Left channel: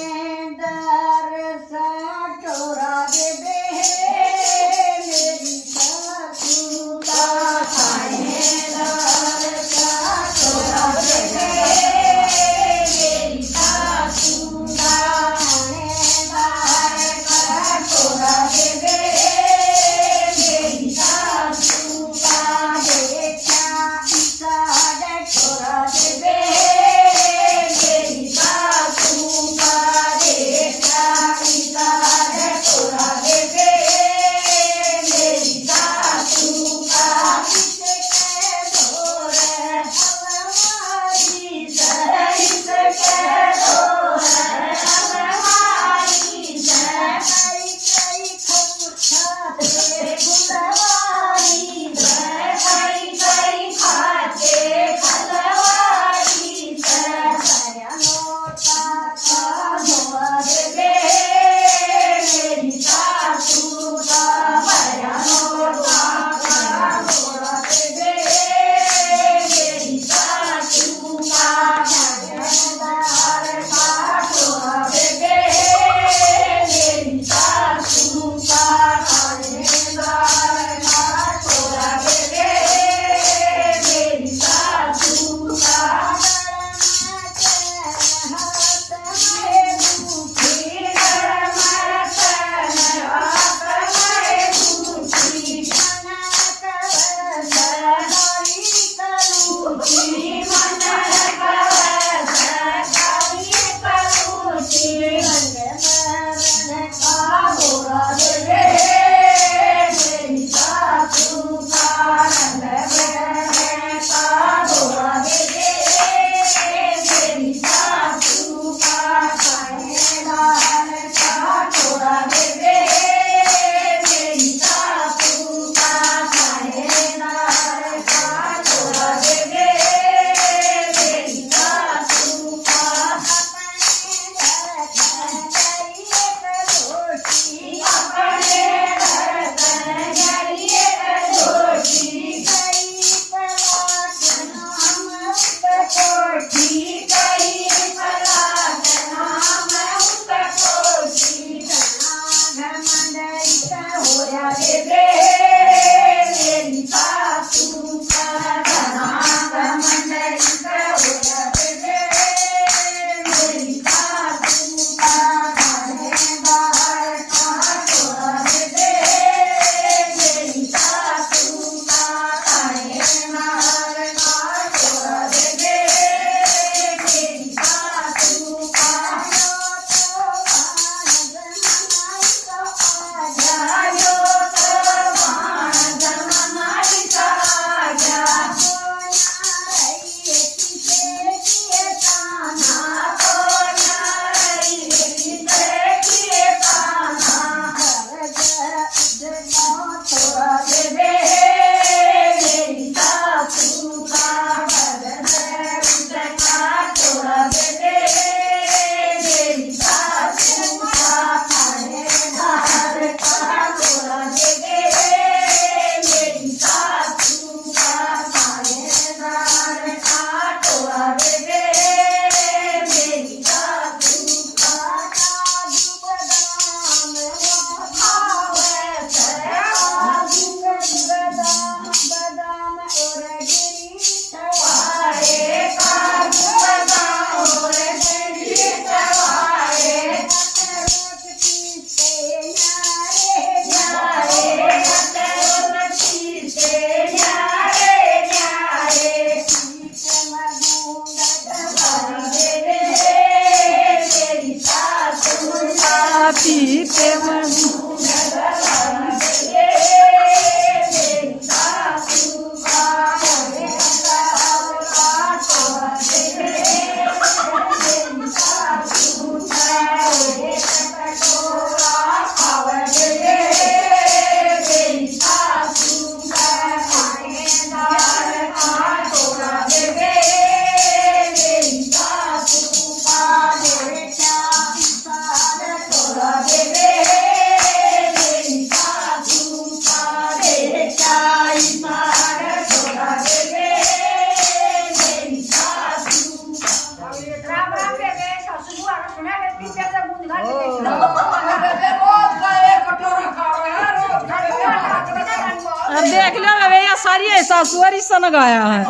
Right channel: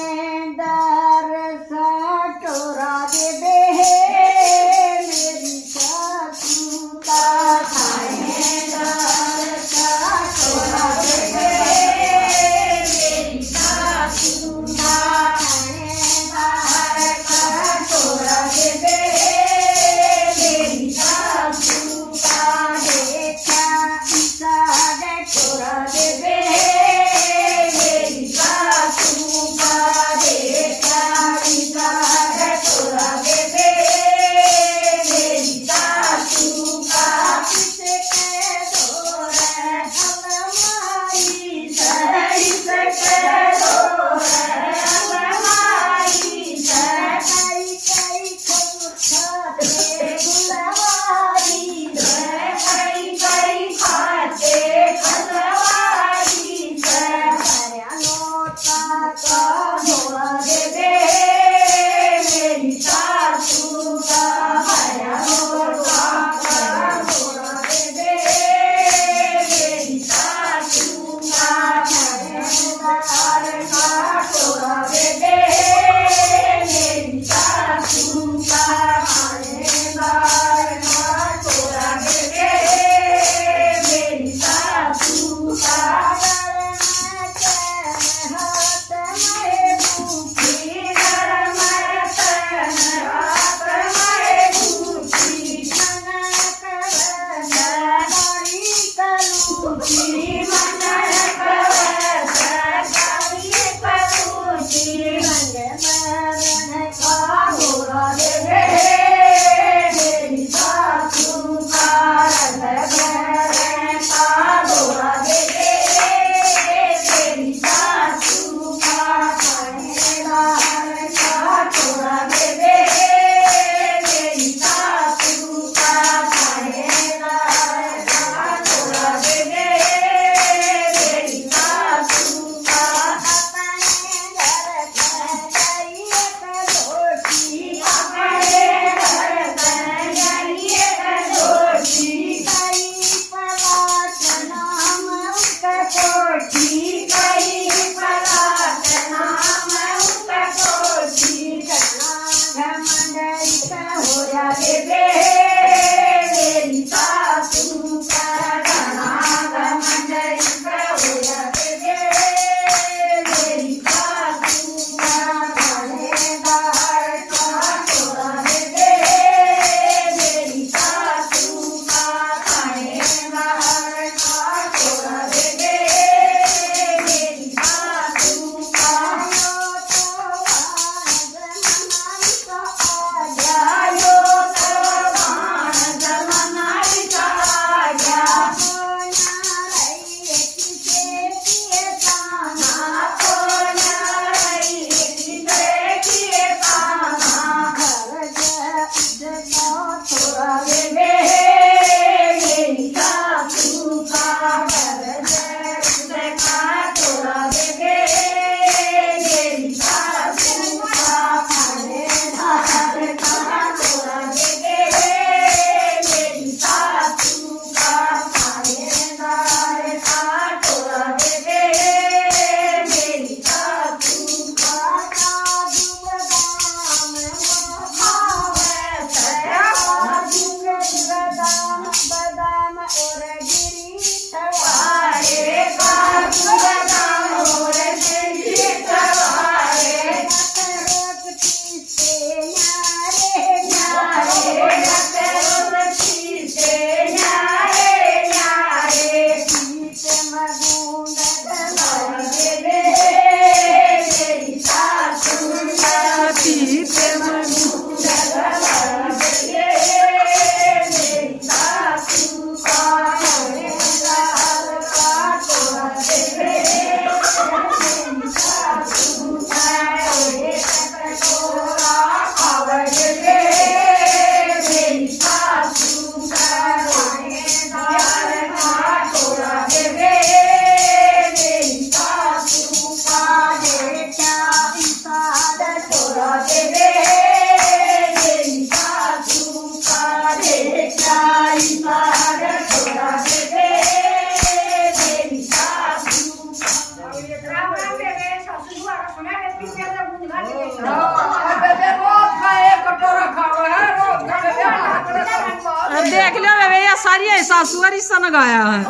थानेदार साटोरा दे दे मेरी सासू का थानेदार साटोरा दे दे मेरी सासू का थानेदार साटोरा दे दे मेरी सासू का देखा ईसा डटोरा दे दे मेरी सासू का देखा ईसा डटोरा दे दे मेरी सासू का पीछे से गूंज घाट के बेबे रोज का एक कटोरा खाओ है रोज का बेबे अब देख लो बेबे, ये सारी सासुआरी सन गाया है।